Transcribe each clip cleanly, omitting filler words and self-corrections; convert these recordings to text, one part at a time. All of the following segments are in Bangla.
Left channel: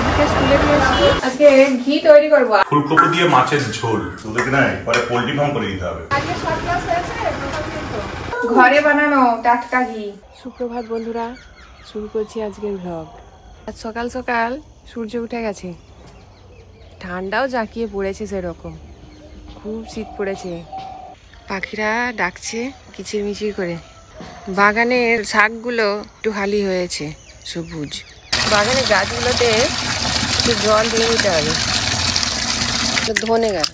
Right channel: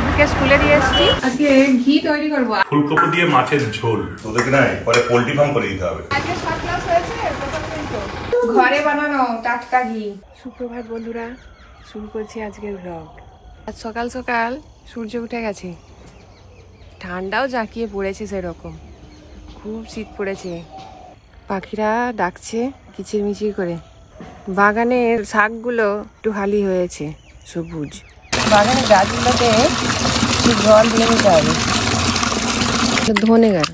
রিপুকে স্কুলে দিয়ে এসেছি। আজকে ঘি তৈরি করবো, ফুলকপি দিয়ে মাছের ঝোল। তোদেরকে না পরে পোল্ট্রি ফার্ম করে দিতে হবে। আজকে শর্ট ক্লাস হয়েছে, ঘরে বানানো টাটকা ঘি। সুপ্রভাত বন্ধুরা, শুরু করছি আজকের ভ্লগ। আজ সকাল সকাল সূর্য উঠে গেছে, ঠান্ডাও জাঁকিয়ে পড়েছে, সেরকম খুব শীত পড়েছে। পাখিরা ডাকছে কিচিরমিচির করে। বাগানের শাকগুলো একটু হালি হয়েছে, সবুজ। বাগানের গাছগুলোতে একটু জল দিয়ে নিতে হবে, ধনে গেল।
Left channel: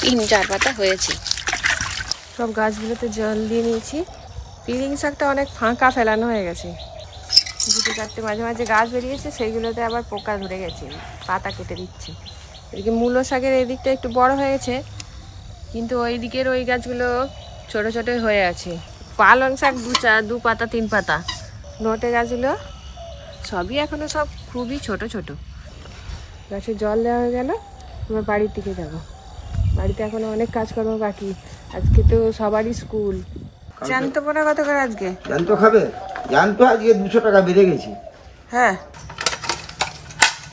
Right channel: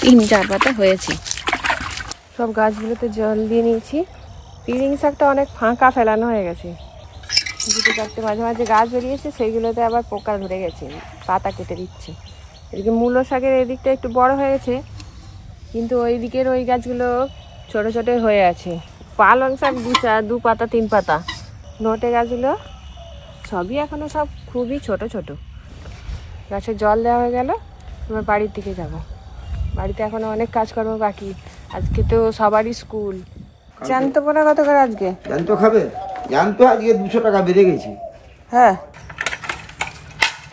3-4 পাতা হয়েছে। সব গাছগুলোতে জল দিয়ে নিয়েছি। পিলিং শাকটা অনেক ফাঁকা ফেলানো হয়ে গেছে, 2-4টে মাঝে মাঝে গাছ বেরিয়েছে, সেইগুলোতে আবার পোকা ধরে গেছে, পাতা কেটে দিচ্ছে। এদিকে মূলো শাকের এই দিকটা একটু বড় হয়ে গেছে, কিন্তু ওই দিকের ওই গাছগুলো ছোট ছোট হয়ে আছে। পালং শাক 2 পাতা 3 পাতা, নোটে গাছগুলো সবই এখনো সব খুবই ছোট ছোট। গাছে জল দেওয়া হয়ে গেল, এবার বাড়ির দিকে যাব। বাড়িতে এখনো অনেক কাজকর্ম বাকি, আজকে তো সবারই স্কুল। জ্যান্ত পোনা কত করে আজকে? জ্যান্ত খাবে? জ্যান্ত আজকে 200 টাকা বেড়ে গেছে। হ্যাঁ,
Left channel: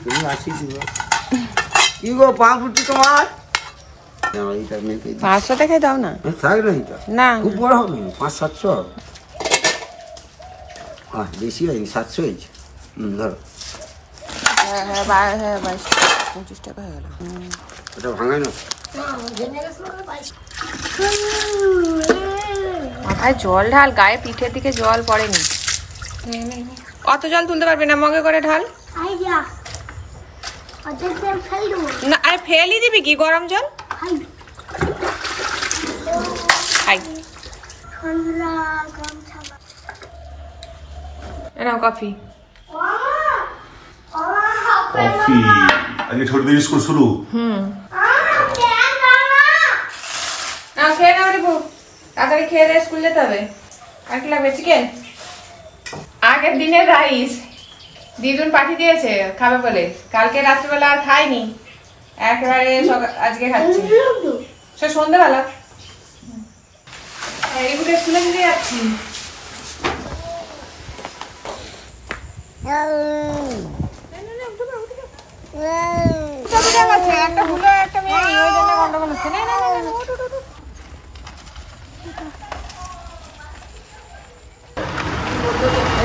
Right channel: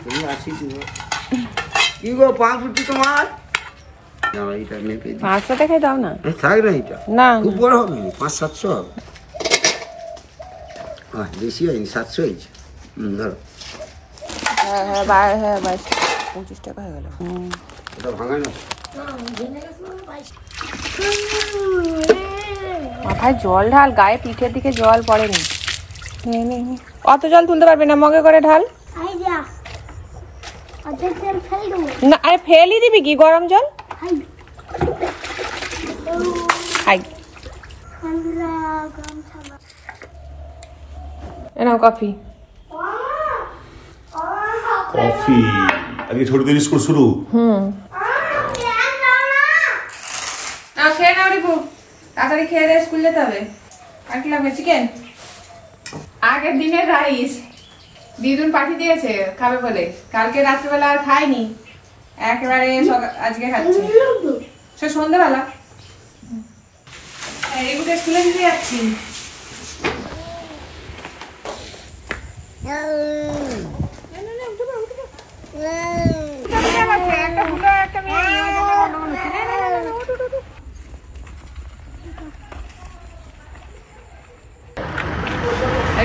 তুমি 80 দিবে। কি গো পাউরুটি তোমার? না এইটা নেই। 500 টাকায় দাও না। থাক না এটা, না খুব বড় হবে, 500-700 হবে। বেশি হয়নি, 700 হয়েছে। ধরো। হ্যাঁ হ্যাঁ, 25 টাকা হয়ে গেল। এটা ভাঙাই না। মাথায় জল ঢাল, গায়ে পিঠের দিকে জল পড়েনি। অত জল তুলতে পারবে না, মগে করে ঢাল। না আরে ফেলি দিবি কি গরম জল? নাও কফি। কফি? আজকে ছোটদের স্কুল শুরু। খেয়ে নাও রিপু, তাড়াতাড়ি খেয়ে দিয়ে স্কুল যেতে হবে। 1 লাগবে চিকেন, আগের দিনের রাইস দিদুন পাঠিয়ে দিয়েছে খাবে বলে, কালকে রাত্রিবেলা আর খাইনি, একেবারে আজকে খাচ্ছি। সে সন্ধ্যেবেলা এইগুলো স্কুলে দিতে যাচ্ছি।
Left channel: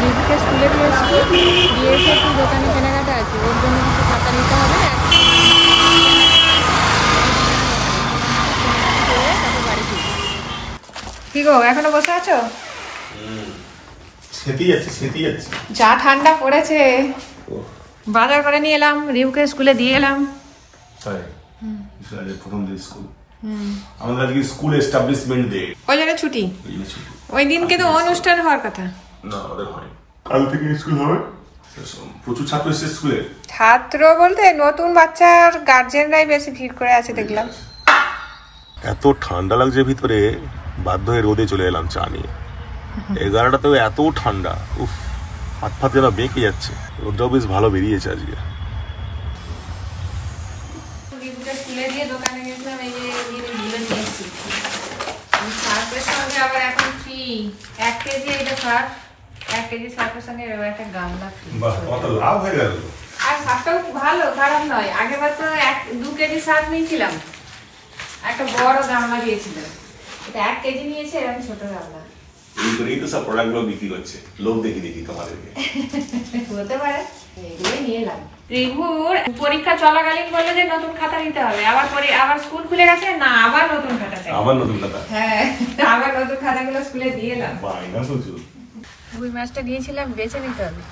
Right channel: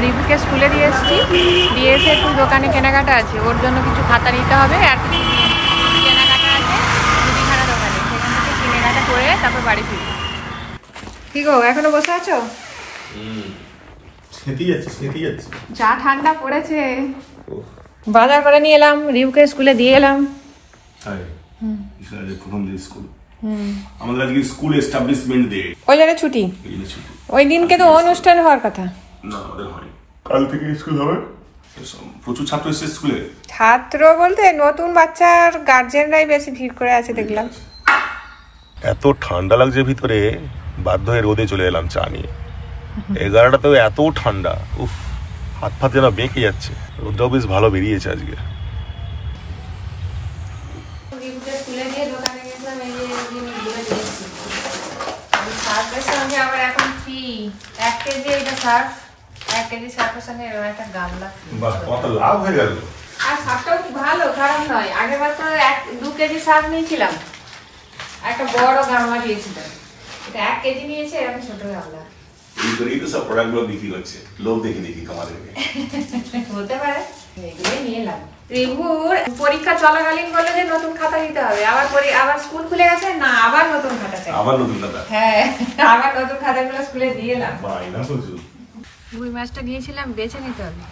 রিপুকে স্কুলে দিয়ে এসেছি, দিয়ে এসে একটু দোকানে কেনাকাটা আছে, ওর জন্য কিছু খাতা নিতে হবে, আর কেনাকাটা আছে মুদিখানা দোকানে, সেখান থেকে কেনাকাটা করে তারপর বাড়ি ফিরবো। কি গো এখনো বসে আছো? যা ঠান্ডা পড়েছে। বাজার করে নিয়ে এলাম, রিপুকে স্কুলে দিয়ে এলাম। আমাদের আজকে স্কুল এস্টাবলিশমেন্ট ডে, ওই জন্য ছুটি। ওই দিনকে তো অনুষ্ঠান হওয়ার কথা। না আমাদের হয়নি। কাল থেকে স্কুল হবে। প্রচুর ছাত্র এসেছে স্কুলে। ছাত্র বলতে নতুন বাচ্চার গার্জেনরাই বেশি ভিড় করে আছে দেখলাম। এত ঠান্ডা লাগছে ভিতরে, বাধ্য হয়ে রোদে চলে এলাম চা নিয়ে। 11টাতেও এত ঠান্ডা, উফ, হাত ফাত যেন বেঁকে যাচ্ছে। রোদটাও বেশ ভালো বেরিয়েছে আজকে। আবার এখন ফ্রি 1 কেজি, এটা সার্ফ 1 কেজি সার্ফের সঙ্গে একটা গামলা ফ্রি। বাহ, কত লাভ হয়ে গেল। আর সার্ফটা ভালো, খারাপ নয়। আগেবার তো 2 কেজি সার্ফ নিয়েছিলাম, একটা বড় গামলা দিয়েছিলাম, এটা 1 কেজি নিয়েছে, এরকম ছোট গামলা। এই তো সব প্রোডাক্টগুলো বিক্রি হচ্ছে, লোক দেখি তোমাদেরকে। হতে পারে, এগুলোই নিলাম। রিপুর পরীক্ষা চলাকালীন বলে যে নতুন খাতা দিতে হবে, আবার স্কুল খুলে গেছে না, আবার নতুন খাতা চাই। আবার নতুন খাতা? হ্যাঁ, আবার নতুন খাতাগুলো স্কুলে দিয়ে এলাম। বায়না প্রচুর। রুই মাছটা নিয়েছিলাম, বেছে নিতে হবে।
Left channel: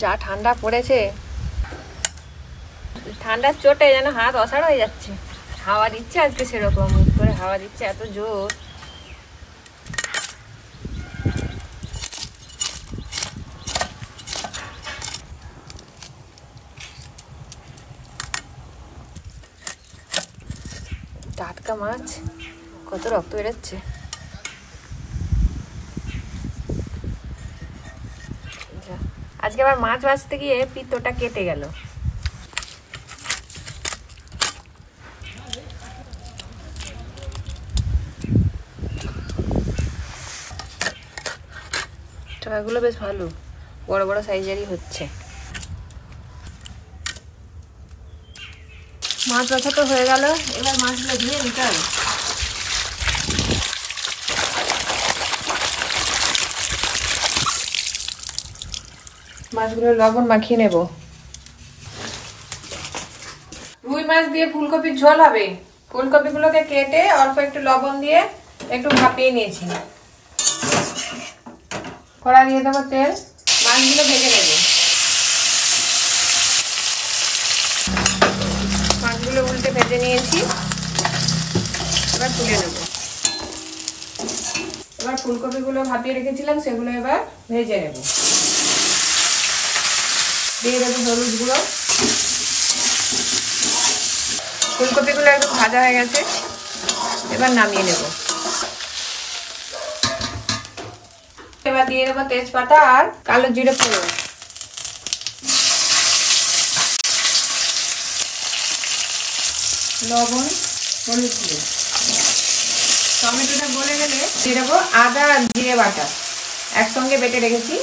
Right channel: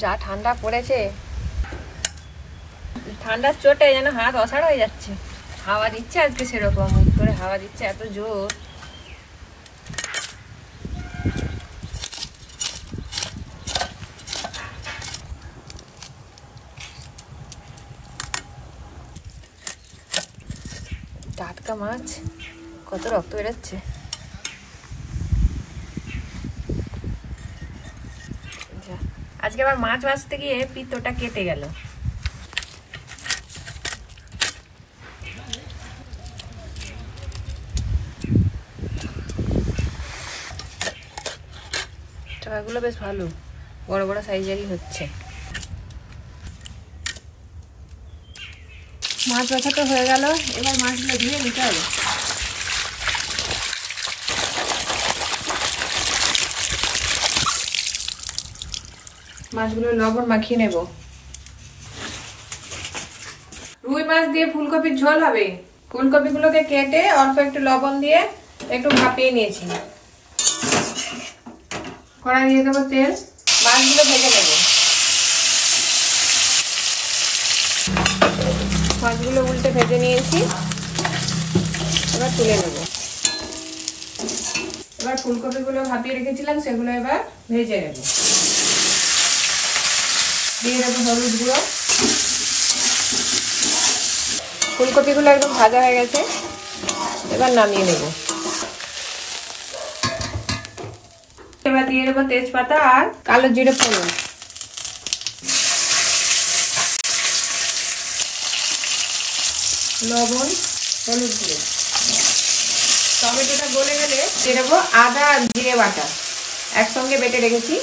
যা ঠান্ডা পড়েছে, ঠান্ডার চোটে যেন হাত অসাড় হয়ে যাচ্ছে। হাওয়া দিচ্ছে আজকে সেরকম, করে হাওয়া দিচ্ছে এত জোর। টাটকা মাছ, কত রক্ত বেরোচ্ছে। আজকে আবার মাছ ভাজতে গিয়ে পিত্তটা কেটে গেল। শাকগুলো বেশ ভালো, বড় বড় সাইজেরই হচ্ছে। মাছ বাছা তো হয়ে গেল, এবার মাছগুলো ধুয়ে নিতে হবে। মাছগুলো লবণ মাখিয়ে নেব। রুই মাছ দিয়ে ফুলকপির ঝোল হবে। ফুলকপিগুলোকে কেটে অল্প একটু লবণ দিয়ে একটু ভাপিয়ে নিয়েছি। কড়াই দিয়ে দেবো তেল, মাছগুলো ভেজে নেব। মাছগুলো উল্টে ভেজে নিয়েছি, এবার তুলে নেব। এবার ফুলকপিগুলো ভাপিয়ে রেখেছিলাম সেগুলো এবার ভেজে নেব। দিয়ে দেবো হলুদ গুঁড়ো। ফুলকপিগুলো একদম ভাজা হয়ে গেছে, এবার নামিয়ে নেব। এবার দিয়ে দেবো তেজপাতা আর কালো জিরে ফোড়ন। লবণ, হলুদ গুঁড়ো। টমেটোটা গলে গেলে দিয়ে দেবো আদা আর জিরে বাটা একসঙ্গে বেটে রেখেছি।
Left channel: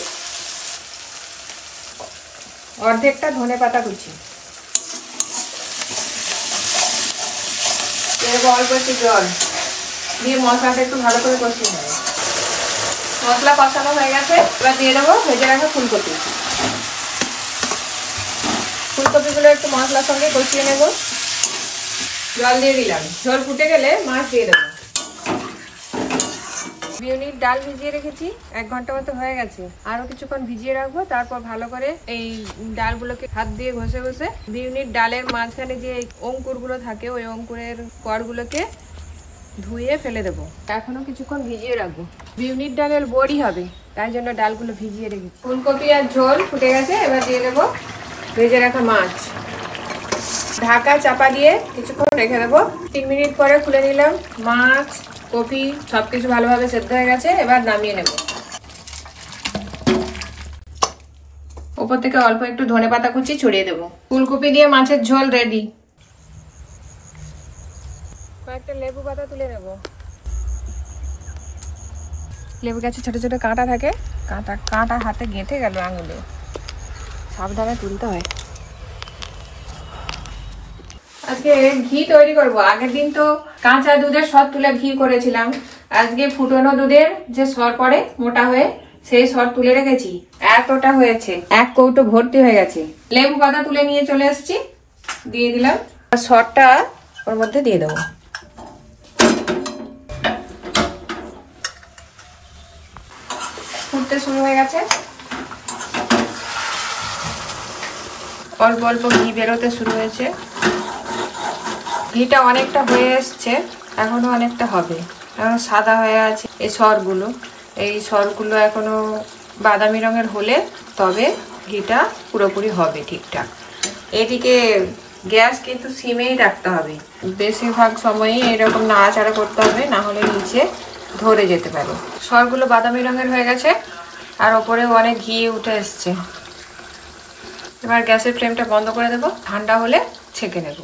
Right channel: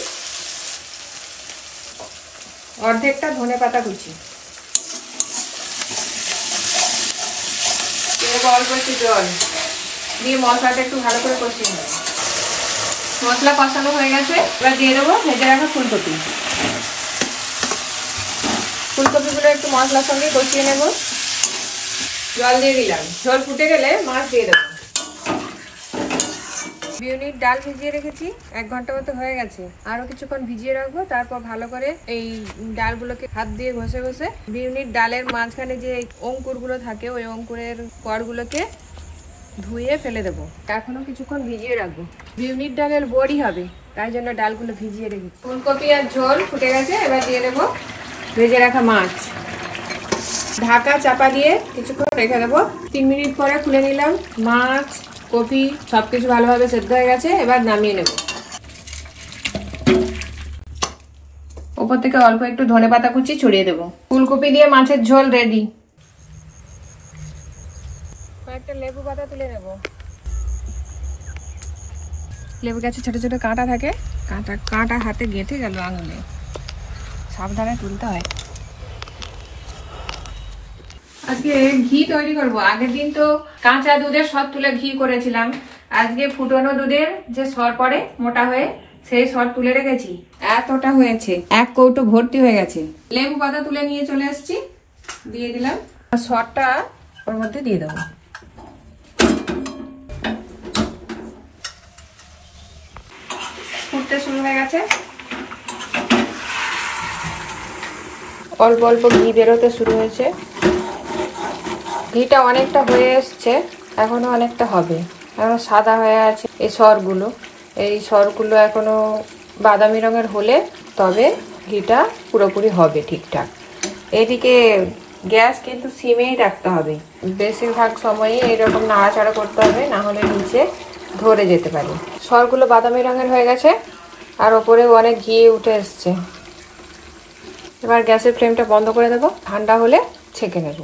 অর্ধেকটা ধনেপাতা কুচি। অল্প একটু জল দিয়ে মশলাটা একটু ভালো করে কষিয়ে নেব। মশলা কষানো হয়ে গেছে, এবার দিয়ে দেবো ভেজে রাখা ফুলকপি। ফুলকপিগুলো একটু মশলার সঙ্গে কষিয়ে নেব। জল দিয়ে দিলাম, ঝোল ফুটে গেলে মাছ দিয়ে দেবো। বিউলির ডাল ভিজিয়ে রেখেছি, 1 ঘন্টা মতো হয়ে গেছে। আরো কিছুক্ষণ ভিজিয়ে রাখবো, তারপর ভালো করে এই ডালগুলোকে হাত দিয়ে ঘষে ঘষে বিউলির ডালের মাঝখানে যে অঙ্কুরগুলো থাকে ওই অঙ্কুরের কড়গুলোকে ধুয়ে ফেলে দেবো। এখনো কিছুক্ষণ ভিজিয়ে রাখবো। বিউলির ডালের বড়ি হবে, তাই জন্য ডালগুলো ভিজিয়ে রেখেছি। ফুলকপি আর ঝোল ফুটে গেছে, এবার দিয়ে দেবো ভেজে রাখা মাছ। ঢাকা চাপা দিয়ে কিছুক্ষণ রেখে দেবো। 3 মিনিট পরে খুলে নিলাম। মাছ, কপি সবকিছু ভালোভাবে সেদ্ধ হয়ে গেছে, এবার নামিয়ে নেব। উপর থেকে অল্প একটু ধনেপাতা কুচি ছড়িয়ে দেবো। ফুলকপি দিয়ে মাছের ঝোল রেডি। কয়েকটা লেবু পাতা তুলে নেব। লেবু গাছে ছোট ছোট কাঁটা থাকে, কাঁটা হাতে গেঁথে গেল আঙুলে, সাবধানে তুলতে হয়। আজকে ঘি তৈরি করব। আগের দিন তো কাঁচা দুধের সর তুলে ঘি করেছিলাম। আজকে ফুটানো দুধের যে সর পড়ে মোটা হয়ে, সেই সর তুলে রেখেছি। এতটা হয়েছে, 1 কৌটো ভর্তি হয়ে গেছে। লেবু পাতা তুলে নিয়ে চলে এসেছি, দিয়ে দিলাম। সরটা ওর মধ্যে দিয়ে দেবো। ফুটতে শুরু হয়ে গেছে, অল্প অল্প ঘি বেরোতে শুরু হয়েছে। ঘিটা অনেকটা হয়ে এসছে, এখনো অনেকটা হবে। এখন সাদা হয়ে আছে এই সরগুলো। এই সরগুলো এখনো বাদামি রঙের হলে তবে ঘিটা পুরোপুরি হবে ঠিকঠাক। এদিকে গ্যাস কিন্তু সিমেই রাখতে হবে। বেশিরভাগ সময়ই এরকম নাড়াচাড়া করতে হবে, না হলে নিচে ধরে যেতে পারে। সরগুলো বাদামি রঙের হয়ে গেছে আর ওপরেও অনেক ঘি উঠে এসছে। এবার গ্যাসের ফ্লেমটা বন্ধ করে দেবো, ঠান্ডা হলে ছেঁকে নেব।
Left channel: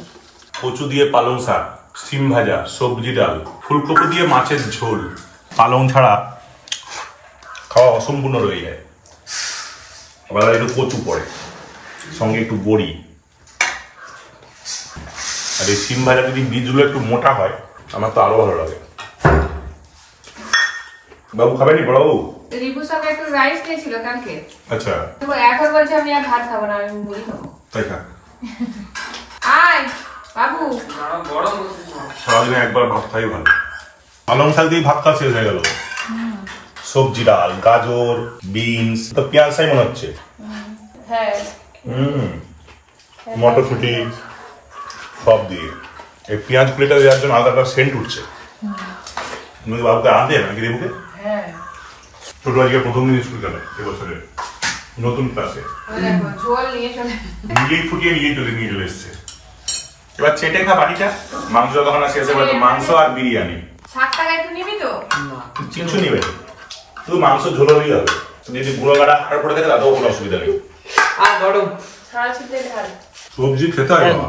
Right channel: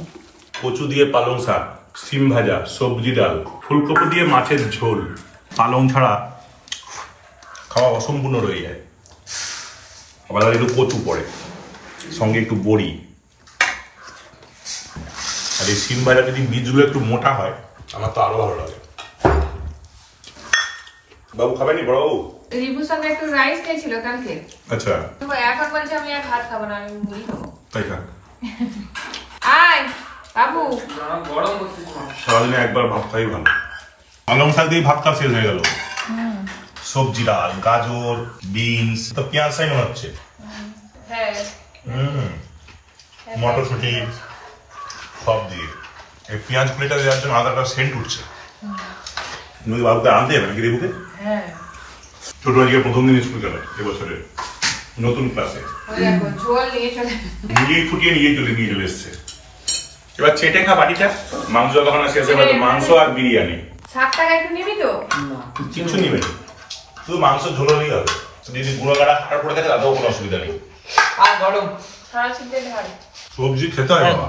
কচু দিয়ে পালং শাক, সিম ভাজা, সবজি ডাল, ফুলকপি দিয়ে মাছের ঝোল। পালং ছাড়া খাওয়া অসম্পূর্ণ রয়ে যায়। আবার একটু কচু পড়ে, সঙ্গে একটু বড়ি। আর এই সিম ভাজা যদি বীজগুলো একটু মোটা হয়, আমার তো আরো ভালো লাগে। বাবু খাবেনি বড়বাবু? রিবুর সঙ্গে একটু রাইস খেয়েছিল কালকে। আচ্ছা, এখন বলছে আমি আর ভাত খাবো না, আমি মুড়ি খাবো। তাই খা। আয় বাবু, সারাদিনে একবার ভাত খাই ভালো। পালং শাক দিয়ে ভাত খাওয়া শেষ হয়ে গেল। সবজি ডাল, গাজর, বিনস, তো পেঁয়াজ চাই মনে হচ্ছে। হ্যাঁ, মটরশুটি সব দিয়ে এই পেঁয়াজ প্লেটটা দেওয়ার জন্য আলাদা সেন্ট উঠছে। বাবুকে আনতে যাবে নাকি রেবুকে? হ্যাঁ, ছোট আজকে প্রথম দিন স্কুল গেল এবছরের নতুন ক্লাসে। ঝোল নিয়ে চলে, নিজেই ফুটিয়ে নিয়ে চলে এসছে। এবার চেটে খা বাটিটা। মাংস যখন শেষ হবে তো মাংস আর বিরিয়ানি। 7 টাকা একটু নিবি তো? কিছু নিবে, তুই মাংস ঝোল হলেই হবে। যদি গুঁড়ো গাড়া হাড় পড়ে থাকে তাতেও কোনো অসুবিধা নেই। আর গরম সারা ছিটে ঢাল। সবজি খেতে হয় বাবা।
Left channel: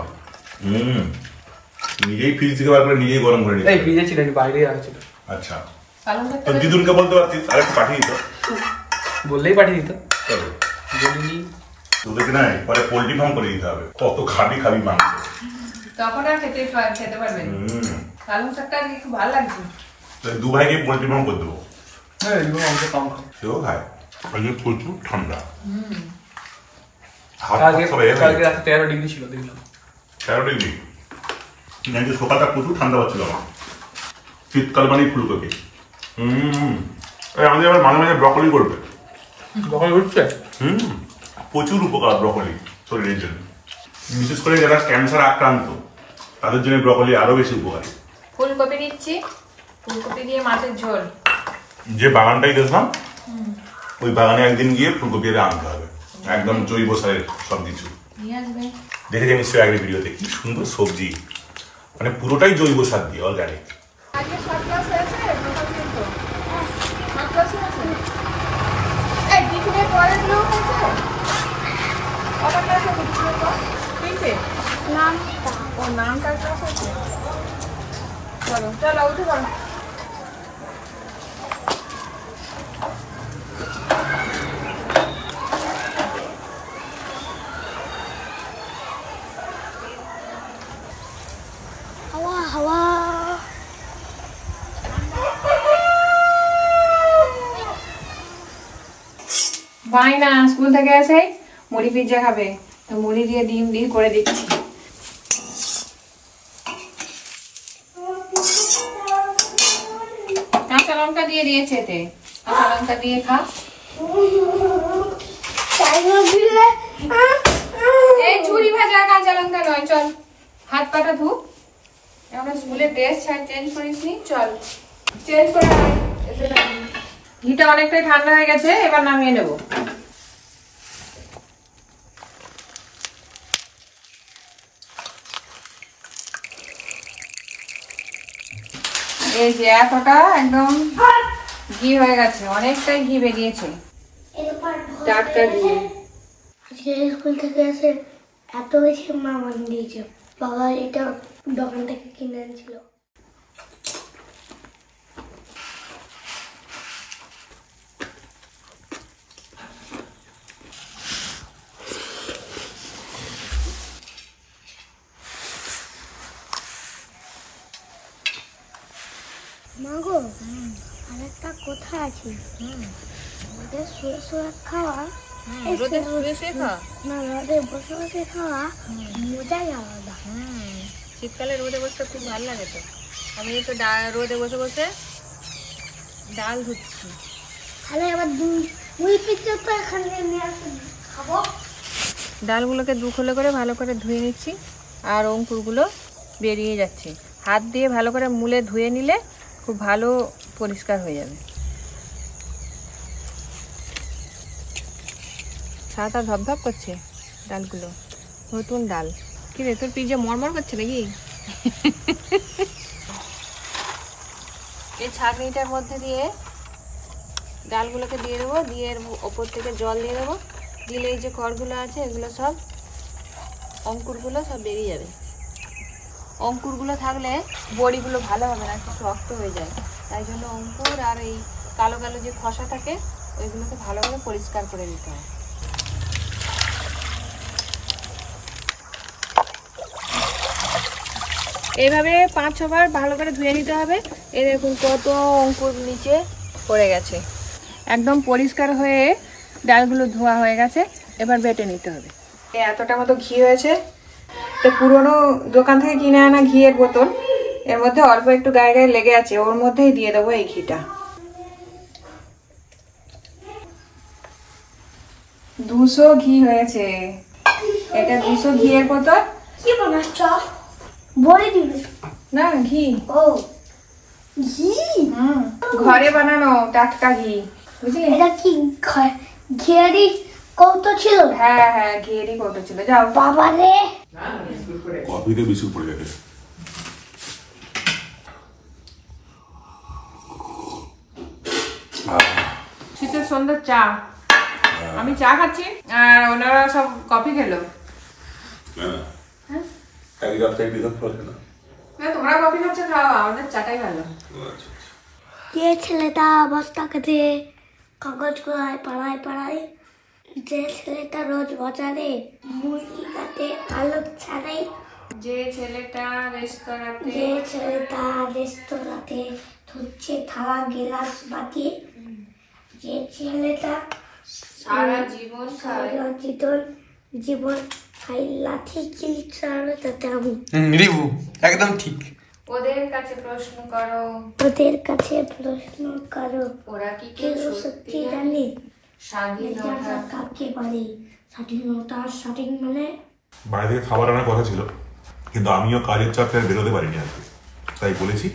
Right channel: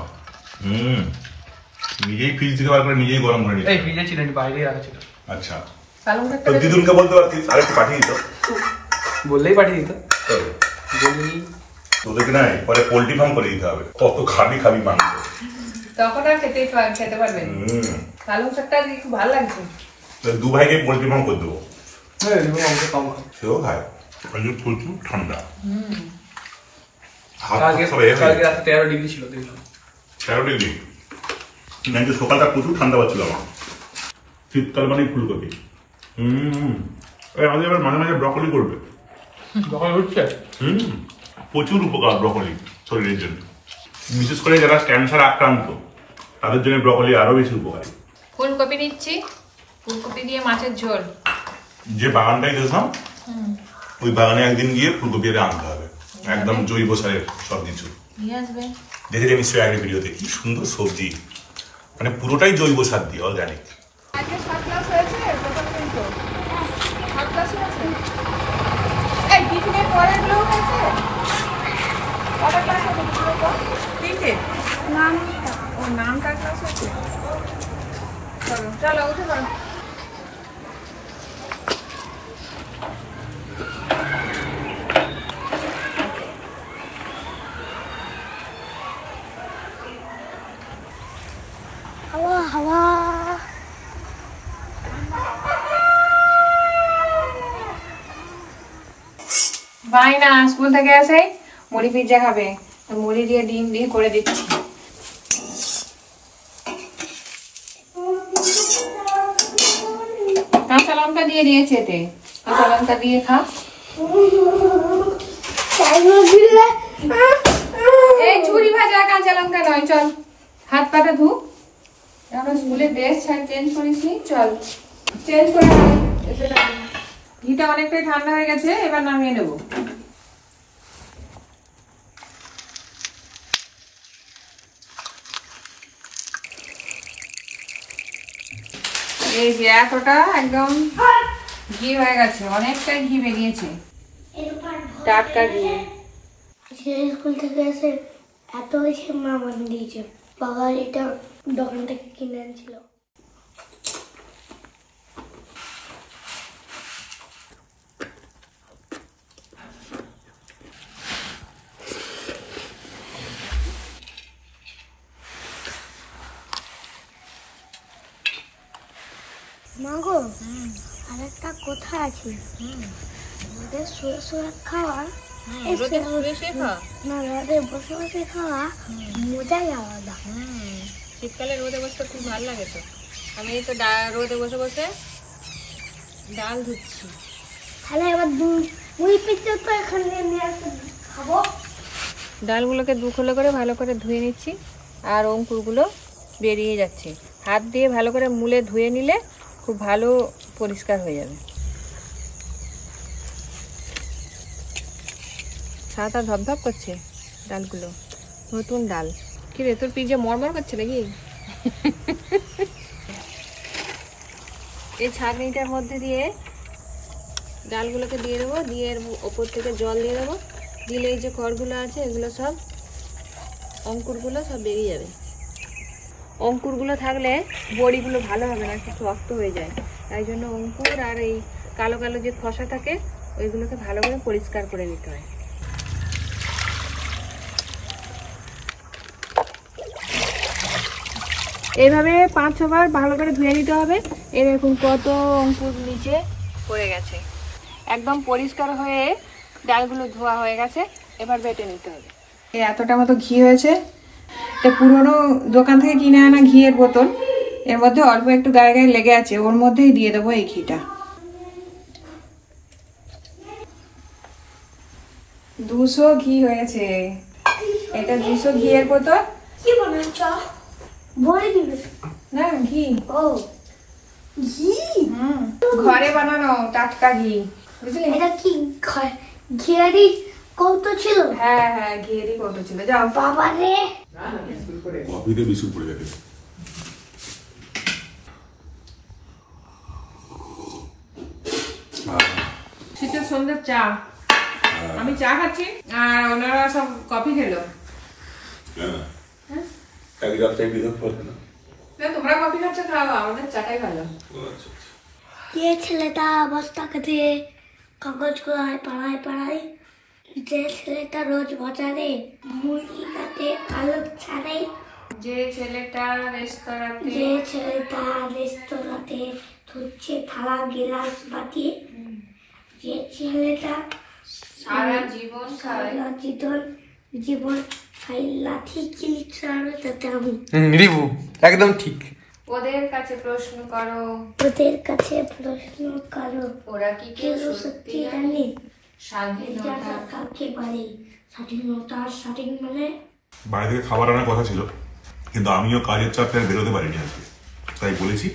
নিজেই ফ্রিজ থেকে বার করে নিজেই গরম করে নিতে। এই ফ্রিজে ছিল, বাইরে রাখা ছিল। আচ্ছা, পালং শাকটা তো দিদুনকে বলতে পারতিস আরেকটু কাটিয়ে দিত। বললেই পাঠিয়ে দিত। চলো। বলিনি। তোদেরকে না পরে পোল্ট্রি ফার্ম করে দিতে হবে, কত খাবি মাংস, তখন আর খেতে পারবেন। পালং শাকটা খুব ভালো লাগছে। দু ভাইকে পোল্ট্রি ফার্ম করে দেবো, হ্যাঁ অংশ কম খায়, সেও খায়। প্রচুর ঠান্ডা, কালকে রাতে 13 ডিগ্রি ছিল, দেখলাম 13 ডিগ্রি। কিন্তু সকালটা প্রচুর ঠান্ডা পাচ্ছিল আমার, শীতকাল মানেই ফুলকপি। আমাদের আবার মাঝে মাঝে ব্রকলি করবে, প্রচুর উপকার ব্রকলি শরীরের জন্য, বিশেষ করে যারা ক্যান্সার আক্রান্ত তাদের জন্য ব্রকলি আরো বেশি উপকারী। ফুলকপি নিচ্ছি, ফুলকপি দিয়ে মাছের ঝোল। যে বাগানটাই গেছিলাম ওই বাগানে একদিন গিয়ে ফুলকপি আনতে হবে, একদম জৈব সারের সবকিছু। দেখেছি নিশ্চয়ই আগের ভিডিওতে, কি সুন্দর সবজি, মানে পুরোটাই জৈব সার দিয়ে, অর্গানিক। আজকে 7 ক্লাস হয়েছে, মাথা কিন্তু 7 ক্লাস হয়েছে। এই টিফিনের পরের গুলো হয়েছে, কটা ক্লাস হয়েছে টিফিনের পর? 3টে নাম, ও নামটা ক্লাস হয়েছে। চলো চলো উঠে পড়ো। হাওয়া হাওয়া বাই না, স্কুল থেকে এসে মুড়ি পিজ্জা খাবে, মুড়ি দিয়ে ডিম দিয়ে করে দিচ্ছি। কাঁচা লঙ্কা দিয়ে দিয়েছে, এতে কাঁচা লঙ্কা দিয়ে খা। এই ঝুড়ি ভাজা কাঁচা লঙ্কা নয়, চল হাত পাটা ধু। আমরা স্কুলের ড্রেস চেঞ্জ করিসনি, চল চেঞ্জ করে আয়। ঘিটা অনেকটাই ঠান্ডা হয়ে গেছে, এবার নামিয়ে নেব। এই যে এতটা একদম ঘি হয়ে গেছে, অনেকটাই ঘি বেরিয়েছে, টাটকা ঘি। আজকে স্কুল থেকে এসে এত বেশি মা বানিয়ে দিয়েছে, বাবা এটা দোকান থেকে কিনে আনছিল। মাগো আরেকটা কথা আছে, ওদের শুয়ে শুয়ে খাওয়া, না রোদে বসে বসে খাওয়া মজাই আলাদা। শীতকালে রোদে বসতে খুব ভালো লাগে। তো আমি তো রোদে বসে বসে ডাল ধুচ্ছি। তাহলে এবার দুই পিঠে তো এখানে নিয়ে খাবো। ডালগুলোকে 2 খোলে করে ভালো করে ধুয়ে নিচ্ছি, আর অঙ্কুরগুলো বেরিয়ে যাচ্ছে। হাত দিয়ে ভালো করে মুলে ধুয়ে নিলে খুব ভালো পরিষ্কার হয়ে যাবে। সাদা ধপধপ করছে ডালগুলো, নতুন ডাল। কি রে, তোর পিজ্জা মরমর করছে নাকি? এই ছাঁকনিটার মধ্যে দিয়ে ডালগুলোকে দিয়ে দেবো, দিয়ে এর ওপর থেকে জল দিয়ে দেবো, দিলে এই যে খড়গুলো আছে এগুলো সব, অঙ্কুরগুলো সব বেরিয়ে যাবে। অঙ্কুরগুলো থাকলে বড়িগুলো ভালো হবে না, একটু শক্ত হয়ে যায়। তাই জন্য অঙ্কুর আর এই কালো কালো যে খসা থাকে ওইগুলোকে ভালো করে পরিষ্কার করে নিতে হয়। এইভাবে 5-6 বার ভালো করে ধুয়ে নিতে হবে। এই দেখুন কত অঙ্কুর নিচে পড়ে গেছে। একদম পরিষ্কার হয়ে ডালগুলো ধোয়া হয়ে গেছে, এবার বেটে নিতে হবে। এতটা মতো ঘি হয়েছে, তো পুরনো দোকান থেকে কিনে আনা ঘিয়ের বোতল, এর মধ্যে অল্প একটু গায়ে গায়ে লেগে আছে, ওর মধ্যেই দিয়ে দেবো এই ঘিটা। 200 ঘি হয়েছে, এটা 200 ঘিয়ের বোতল। কি বানাচ্ছ? বড়ি দিবে না ঘি। ও ঘি, ঘরে বানানো টাটকা ঘি, বুঝলি? এটা কি ঘিয়ারি কৌটো ছিল? হ্যাঁ হ্যাঁ ঘিয়েরই কৌটো ছিল। যাও বাবা রে, কফিতে বিস্কুট পড়ে গেছে। শীতের সন্ধ্যার চা, আমি চা খাচ্ছি আর ওনারা সব কফি খেলো। তোমরা কফি খাচ্ছ, খাও, আমাদের চাটাই ভালো। যে ছেলেটা বস্তা কেটে কাগজ করায় পাড়ায় পাড়ায়, যে ছেলেটা রোজ বাজারে মুরগি কাটে আলু ছাড়ে, যে ছেলেটা রেস্তোরাঁতে ধুচ্ছে থালা গিলাস বাটি, যে ছেলেটা সারা জীবন খাই লাঠি কিল ছাড়ো তাতে আমি। রিভু একদম ঠিক। ওদের কাছে প্রশ্ন করো, ওরা কি কেউ সত্যি জানে স্বাধীনতা কাকে বলে? স্বাধীনতা স্বাধীন মানে বাইরে থেকে খাবার আনার কথা ছিল, কিন্তু আমিও কাজের চাপে আর বেরোতে পারিনি আজকে, তাই বলেছি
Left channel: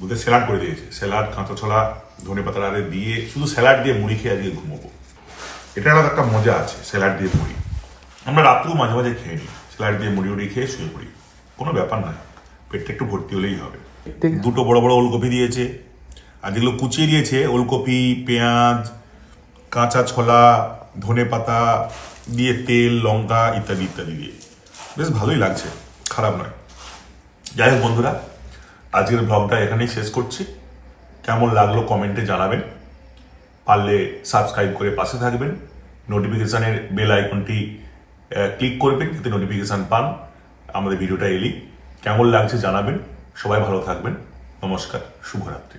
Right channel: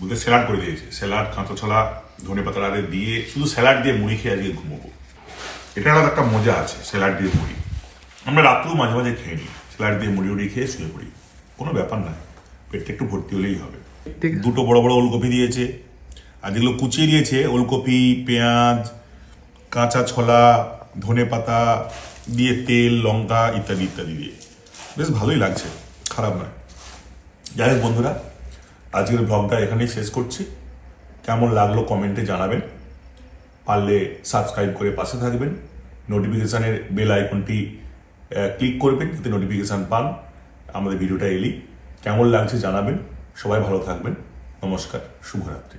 বুঝে স্যালাড করে দিয়েছে। স্যালাড, কাঁচা ছোলা, ধনে পাতা আরে দিয়ে শুধু স্যালাড দিয়ে মুড়ি খেয়ে আজকে ঘুমোবো। এটা একটা মজা আছে স্যালাড দিয়ে মুড়ি। আমরা রাত্রেও মাঝে মাঝে খেয়ে নিই স্যালাড দিয়ে মুড়ি উড়ি খেয়ে শুয়ে পড়ি, কোনো ব্যাপার নয়, পেটটা একটু ভর্তি হলেই হবে। দুটো বড় বড় ওলকপি দিয়েছে, আর যেগুলো কুচিয়ে দিয়েছে ওলকপি, পেঁয়াজ, কাঁচা ছোলা, ধনে পাতা দিয়ে তেল, লঙ্কা ইত্যাদি ইত্যাদি দিয়ে বেশ ভালোই লাগছে, খারাপ নয়। যাই হোক বন্ধুরা, আজকের ব্লগটা এখানেই শেষ করছি। কেমন লাগলো কমেন্টে জানাবেন, পারলে সাবস্ক্রাইব করে পাশে থাকবেন, নোটিফিকেশানের বেল আইকনটি ক্লিক করবেন যাতে নোটিফিকেশান পান আমাদের ভিডিওটা এলেই। কেমন লাগছে জানাবেন, সবাই ভালো থাকবেন, নমস্কার, শুভরাত্রি।